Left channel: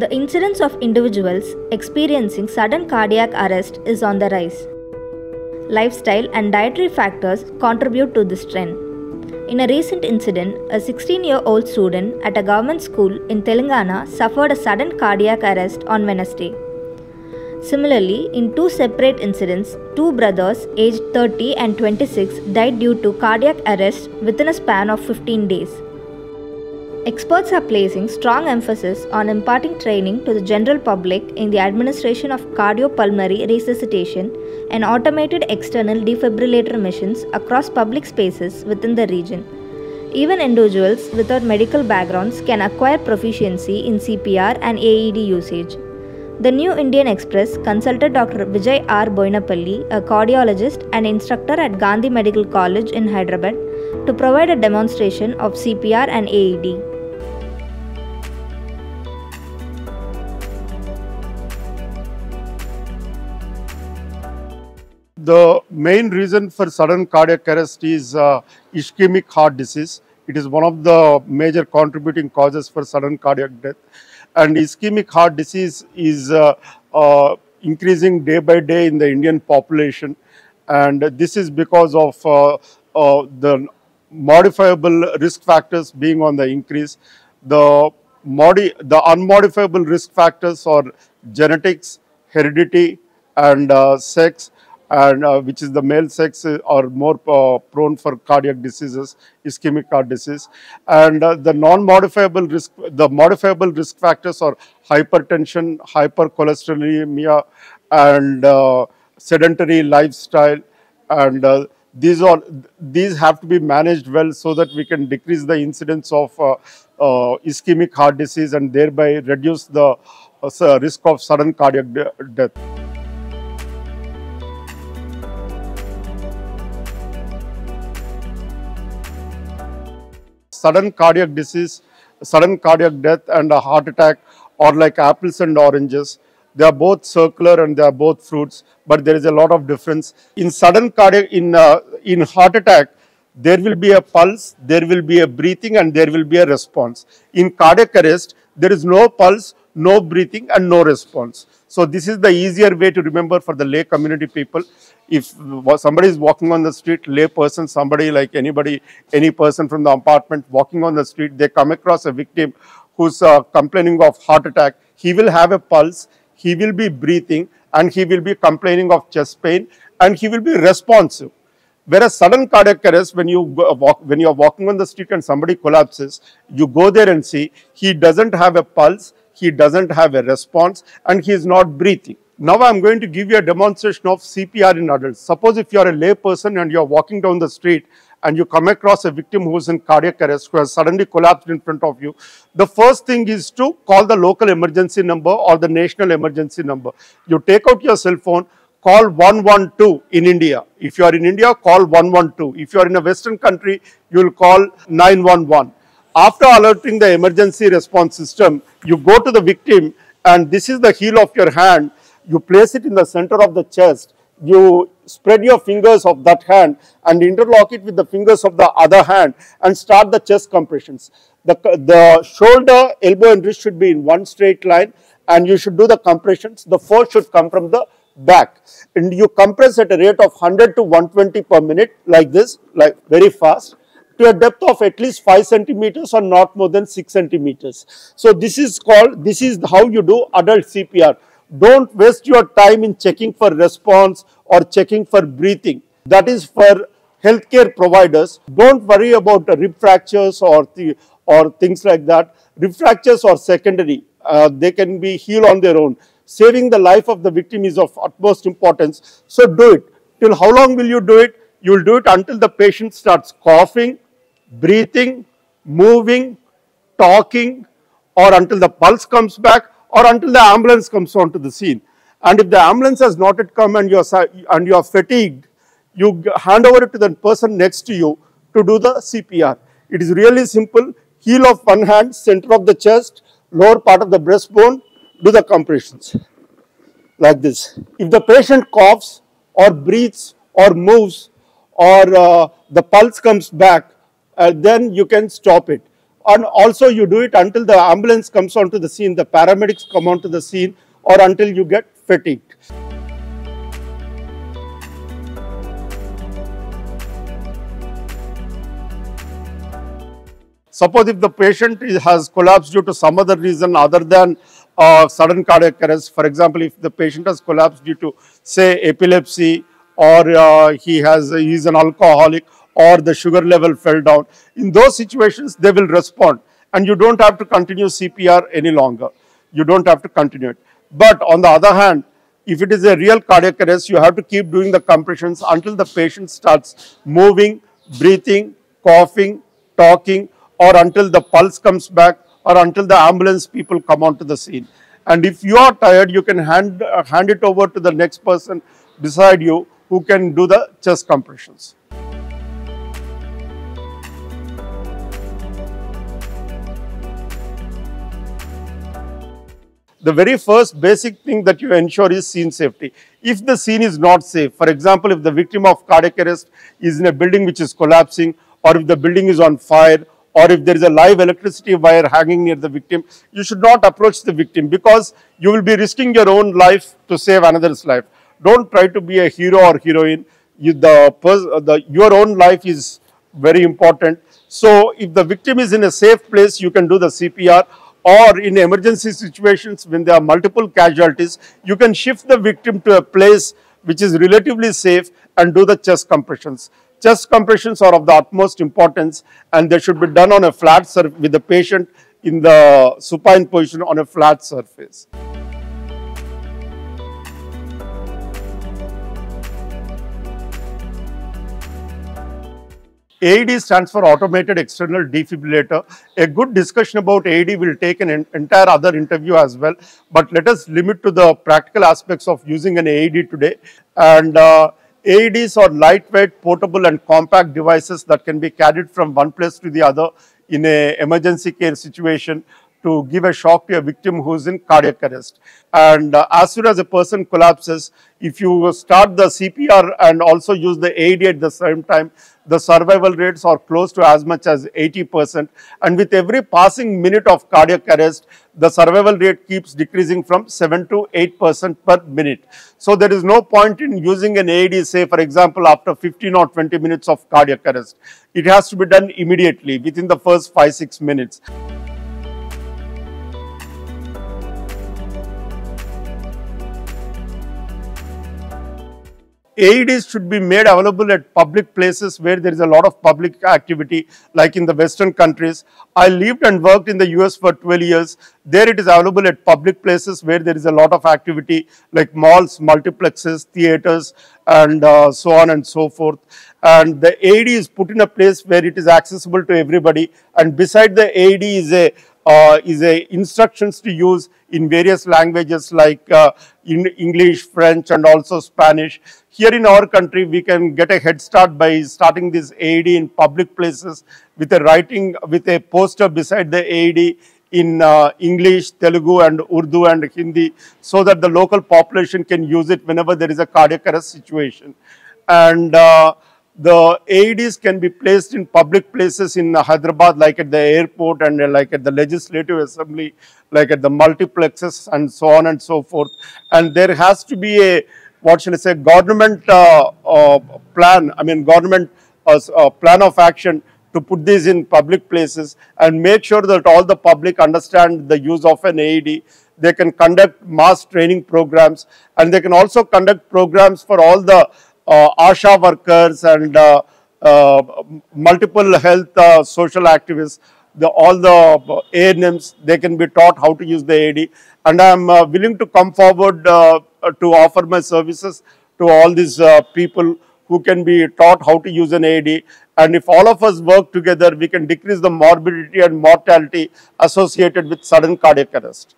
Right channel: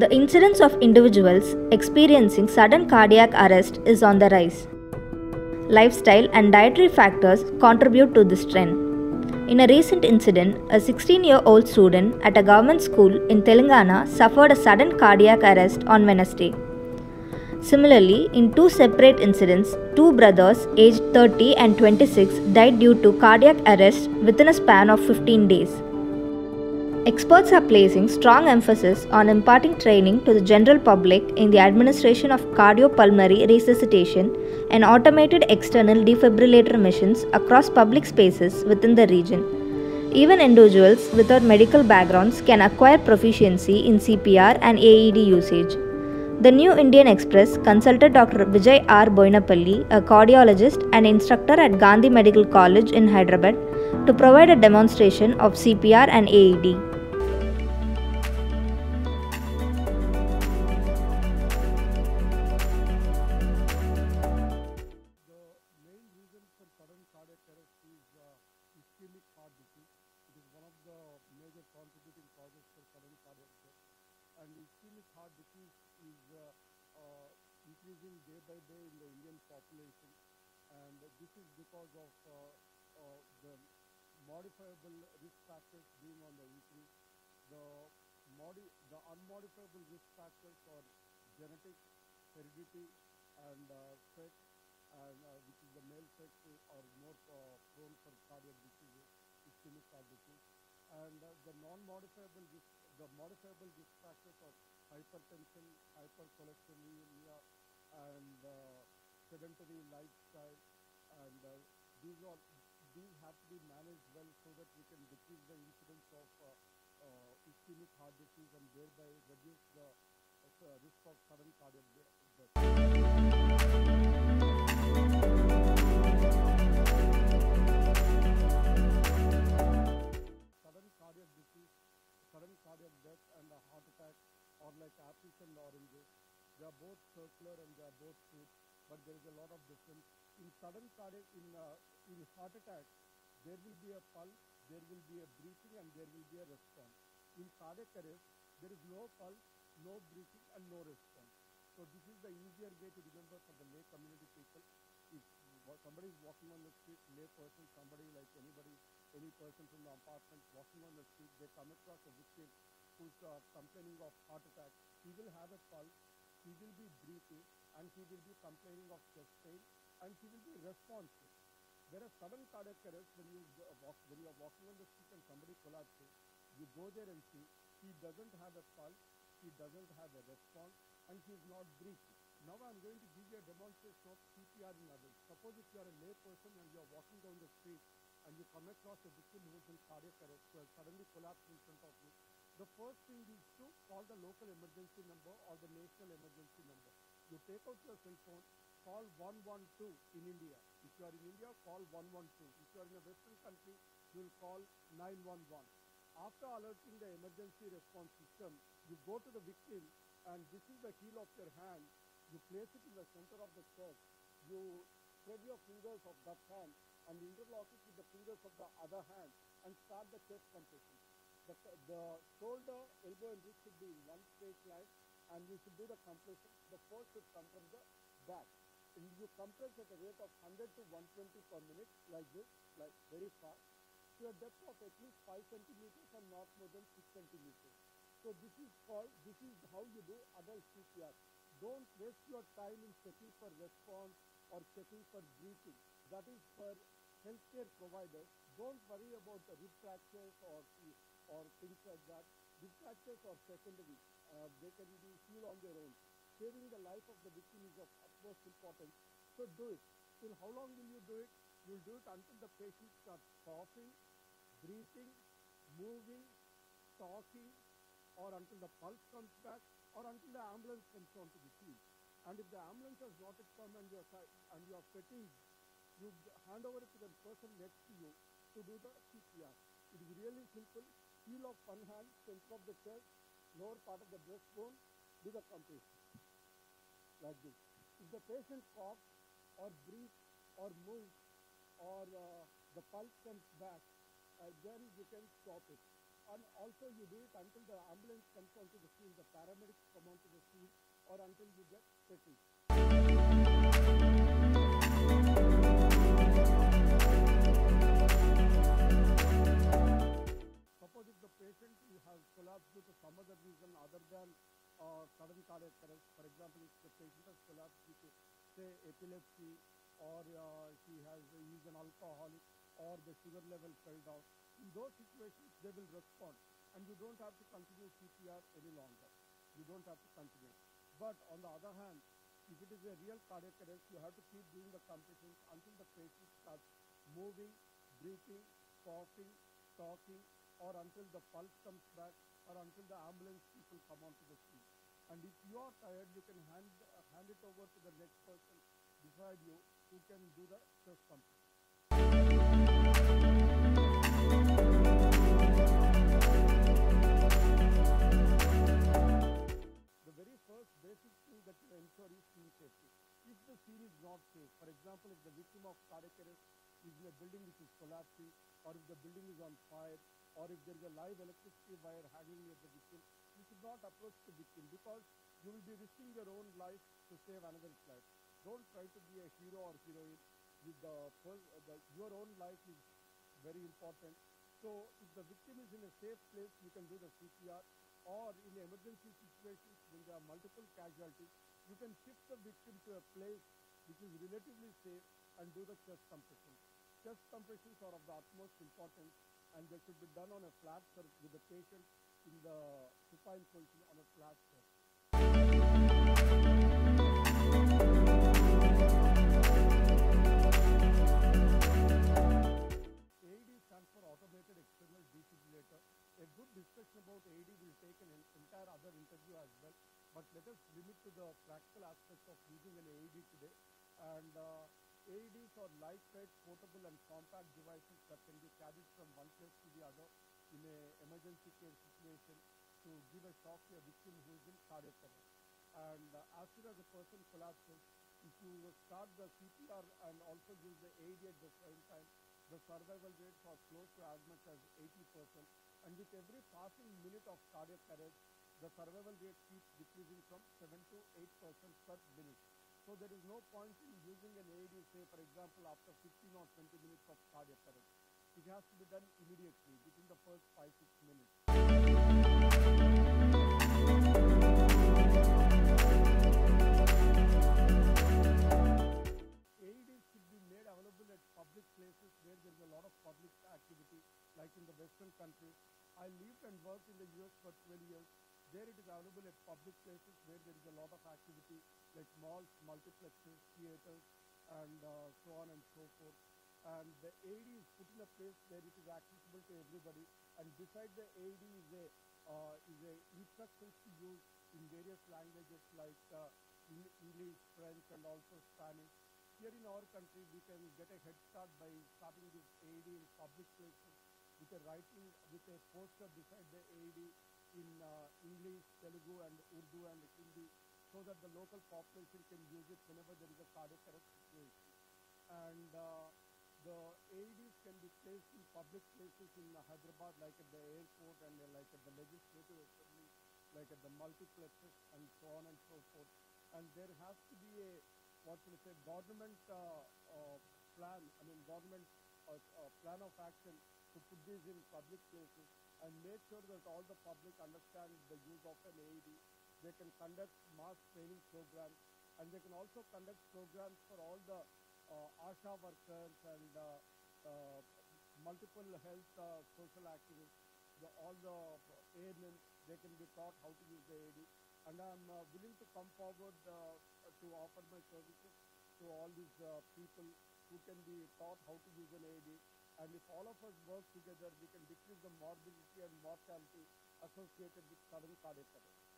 The incidence of individuals experiencing sudden cardiac arrest is on the rise. Lifestyle and dietary factors contribute to this trend. In a recent incident, a 16-year-old student at a government school in Telangana suffered a sudden cardiac arrest on Wednesday. Similarly, in two separate incidents, two brothers aged 30 and 26 died due to cardiac arrest within a span of 15 days. Experts are placing strong emphasis on imparting training to the general public in the administration of cardiopulmonary resuscitation and automated external defibrillator missions across public spaces within the region. Even individuals without medical backgrounds can acquire proficiency in CPR and AED usage. The New Indian Express consulted Dr. Vijay R. Boinapalli, a cardiologist and instructor at Gandhi Medical College in Hyderabad, to provide a demonstration of CPR and AED. The main reason for sudden cardiac arrest is ischemic heart disease. It is one of the major contributing causes for sudden cardiac death. And ischemic heart disease is increasing day by day in the Indian population. And this is because of the modifiable risk factors being on the increase. The unmodifiable risk factors are genetics, heredity, and sex. And which is the male sex are more prone for cardiac diseases, ischemic heart disease. And the modifiable risk factors are hypertension, hypercholesterolemia, and sedentary lifestyle. And these have to be managed well so that we can decrease the incidence of ischemic heart disease and thereby reduce the risk of sudden cardiac death. Sudden cardiac disease, sudden cardiac death and a heart attack are like apples and oranges. They are both circular and they are both fruits, but there is a lot of difference. In sudden cardiac, in heart attack, there will be a pulse, there will be a breathing, and there will be a response. In cardiac arrest, there is no pulse, no breathing, and no response. So this is the easier way to remember for the lay community people. If somebody is walking on the street, lay person, somebody like anybody, any person from the apartment walking on the street, they come across a victim who's complaining of heart attack, he will have a pulse, he will be breathing, and he will be complaining of chest pain, and he will be responsive. Whereas sudden cardiac arrest, when you are walking on the street and somebody collapses, you go there and see he doesn't have a pulse, he doesn't have a response, and he is not breathing. Now I am going to give you a demonstration of CPR in adults. Suppose if you are a lay person and you are walking down the street and you come across a victim who is in cardiac arrest, who has suddenly collapsed in front of you, the first thing is to call the local emergency number or the national emergency number. You take out your cell phone, call 112 in India. If you are in India, call 112. If you are in a Western country, you will call 911. After alerting the emergency response system, you go to the victim, and this is the heel of your hand. You place it in the center of the chest. You spread your fingers of that hand and interlock it with the fingers of the other hand and start the chest compressions. The shoulder, elbow and wrist should be in one straight line, and you should do the compressions. The force should come from the back, and you compress at a rate of 100 to 120 per minute, like this, like very fast, to a depth of at least 5 centimeters or not more than 6 centimeters. So this is how you do adult CPR. Don't waste your time in checking for response or checking for breathing. That is for healthcare providers. Don't worry about rib fractures or things like that. Rib fractures are secondary. They can be healed on their own. Saving the life of the victim is of utmost importance. So do it. Till how long will you do it? You will do it until the patient starts coughing, breathing, moving, talking, or until the pulse comes back, or until the ambulance comes onto the scene. And if the ambulance has not yet come and you are fatigued, you hand over it to the person next to you to do the CPR. It is really simple. Heel of one hand, center of the chest, lower part of the breastbone, do the compressions like this. If the patient coughs or breathes or moves or the pulse comes back, then you can stop it. And also you do it until the ambulance comes onto the scene, the paramedics come onto the scene, or until you get fatigued. Suppose if the patient has collapsed due to some other reason other than sudden cardiac arrest, for example, if the patient has collapsed due to, say, epilepsy, or he is an alcoholic, or the sugar level fell down, in those situations they will respond and you don't have to continue CPR any longer. You don't have to continue it. But on the other hand, if it is a real cardiac arrest, you have to keep doing the compressions until the patient starts moving, breathing, coughing, talking, or until the pulse comes back, or until the ambulance people come onto the scene. And if you are tired, you can hand it over to the next person beside you who can do the chest compressions. The very first basic thing that you ensure is scene safety. If the scene is not safe, for example, if the victim of cardiac arrest is in a building which is collapsing, or if the building is on fire, or if there is a live electricity wire hanging near the victim, you should not approach the victim, because you will be risking your own life to save another's life. Don't try to be a hero or heroine. Your own life is very important. So if the victim is in a safe place, you can do the CPR. Or in emergency situations when there are multiple casualties, you can shift the victim to a place which is relatively safe and do the chest compressions. Chest compressions are of the utmost importance, and they should be done on a flat surface with the patient in the supine position on a flat surface. AED stands for Automated External Defibrillator. A good discussion about AED will take an entire other interview as well, but let us limit to the practical aspects of using an AED today. And AEDs are lightweight, portable and compact devices that can be carried from one place to the other in an emergency care situation to give a shock to a victim who is in cardiac arrest. And as soon as a person collapses, if you start the CPR and also use the AED at the same time, the survival rates are close to as much as 80%. And with every passing minute of cardiac arrest, the survival rate keeps decreasing from 7 to 8% per minute. So there is no point in using an AED, say for example, after 15 or 20 minutes of cardiac arrest. It has to be done immediately within the first 5-6 minutes. AEDs should be made available at public places where there is a lot of public activity, like in the Western countries. I lived and worked in the US for 12 years. There it is available at public places where there is a lot of activity, like malls, multiplexes, theaters, and so on and so forth. And the AED is put in a place where it is accessible to everybody. And beside the AED is a instructions to use in various languages like in English, French, and also Spanish. Here in our country, we can get a head start by starting this AED in public places with a poster beside the AED in English, Telugu, and Urdu and Hindi, so that the local population can use it whenever there is a cardiac arrest situation. And the AEDs can be placed in public places in Hyderabad, like at the airport and like at the legislative assembly, like at the multiplexes and so on and so forth. And there has to be a, what shall I say, government plan, government plan of action to put these in public places and make sure that all the public understand the use of an AED. They can conduct mass training programs, and they can also conduct programs for all the ASHA workers and multiple health social activists. All the ANMs, they can be taught how to use the AED. And I am willing to come forward to offer my services to all these people who can be taught how to use an AED. And if all of us work together, we can decrease the morbidity and mortality associated with sudden cardiac arrest.